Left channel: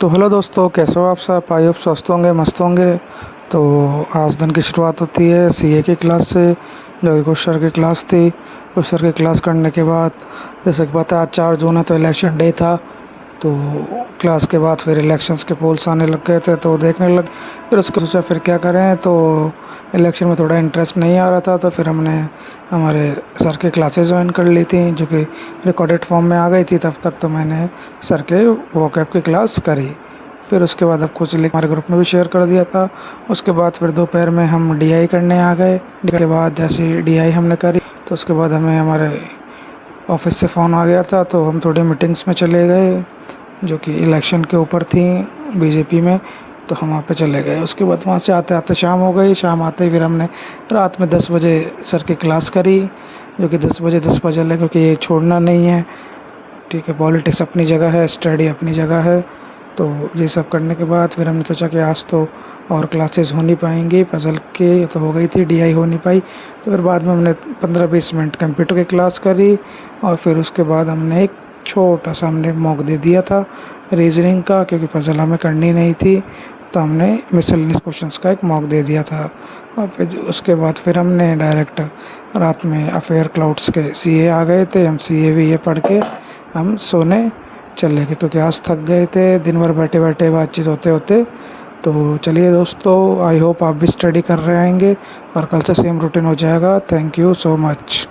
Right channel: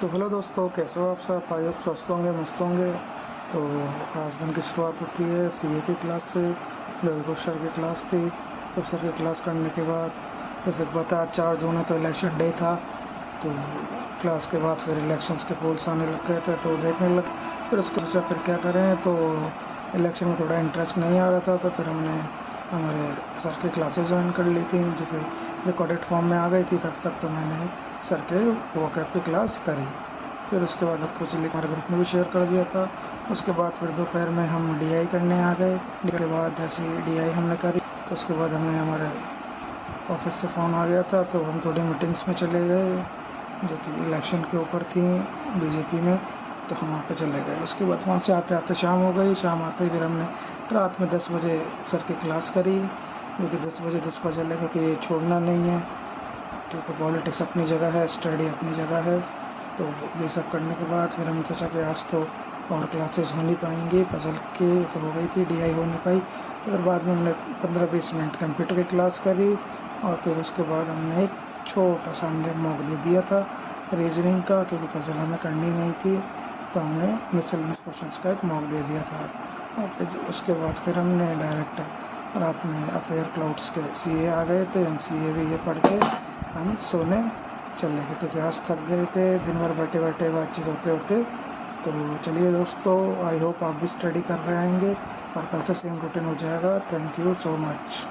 तो हेलो दोस्तों, कैसे हो आप सब? आई होप स्वस्थ होंगे, मस्त होंगे। तो आज दिन की शुरुआत होती है सीए की क्लास से, जो कि कुछ सर की क्लास थी। कुछ सर की क्लास करने के बाद, जैसे कि पता है आज 4 जून है तो इलेक्शन डे था। तो क्लास के बाद फिर इलेक्शंस के पोल्स आने लग गए थे तो देखने लग। फिर उसके सोचा फिर क्या करें, तो इलेक्शन में थोड़ा इंटरेस्ट नहीं आ रहा था तो फिर हमने हमारे सर की क्लासेस ज्वाइन कर ली थी, जो कि रिकॉर्डेड फॉर्म में आ गई थी तब तक। तो मैंने सर के वोकैब की क्लास करी। फिर उसके बाद अब कुछ लिंक हमारे ग्रुप में भी शेयर कर दिया था। उसके बाद फिर दोपहर में हम डीआई करने आ गए। डी के बाद जैसे डीआई हमने करी तो उसके बाद हमें हमारे ऑफिस से फ़ोन आ गया था तो हम थोड़ी मीटिंग्स में चले गए, जो कि इलेक्शन के ऊपर थी बीजेपी में। तो हम वहाँ पे चले गए। उसके बाद वहाँ से आते आते शाम हो गई। शाम आते ही फिर हमने रात में 10 बजे सर की क्लास करी, जो कि 10 बजे 10 बजे लगे, क्योंकि ये छोड़ना नहीं है। ठीक है, पॉलिटिक्स अपनी जगह है, स्टडी अपनी जगह है। तो ये सब करने के बाद फिर हमने सोचा कि आज तो और क्लासेस हो नहीं पाएंगी, पजल के तो हो गई थी, डीआई हो नहीं पाई। तो फिर बाद में हमने 15-20 मिनट कंप्यूटर की क्लास करी। और फिर उसके बाद हमने एक छोटा सा हमने मॉक दे दिया था रीजनिंग का, क्योंकि पजल हमें करनी नहीं थी। तो हमने मिसलेनियस क्वेश्चंस का एक मॉक दे दिया था। और फिर उसके बाद फिर हमने डायरेक्ट रात में अफेयर क्लाउड्स के सीए आ गए थे। हम सीए भी ये पढ़ के हम सोने चले गए, क्योंकि आज थक गए थे दिन भर बैठे बैठे बातचीत होते होते। तो चलिए दोस्तों, आई होप आप भी स्टडी कर रहे होंगे और कल से सेम रूटीन हो जाएगा। Thank you so much.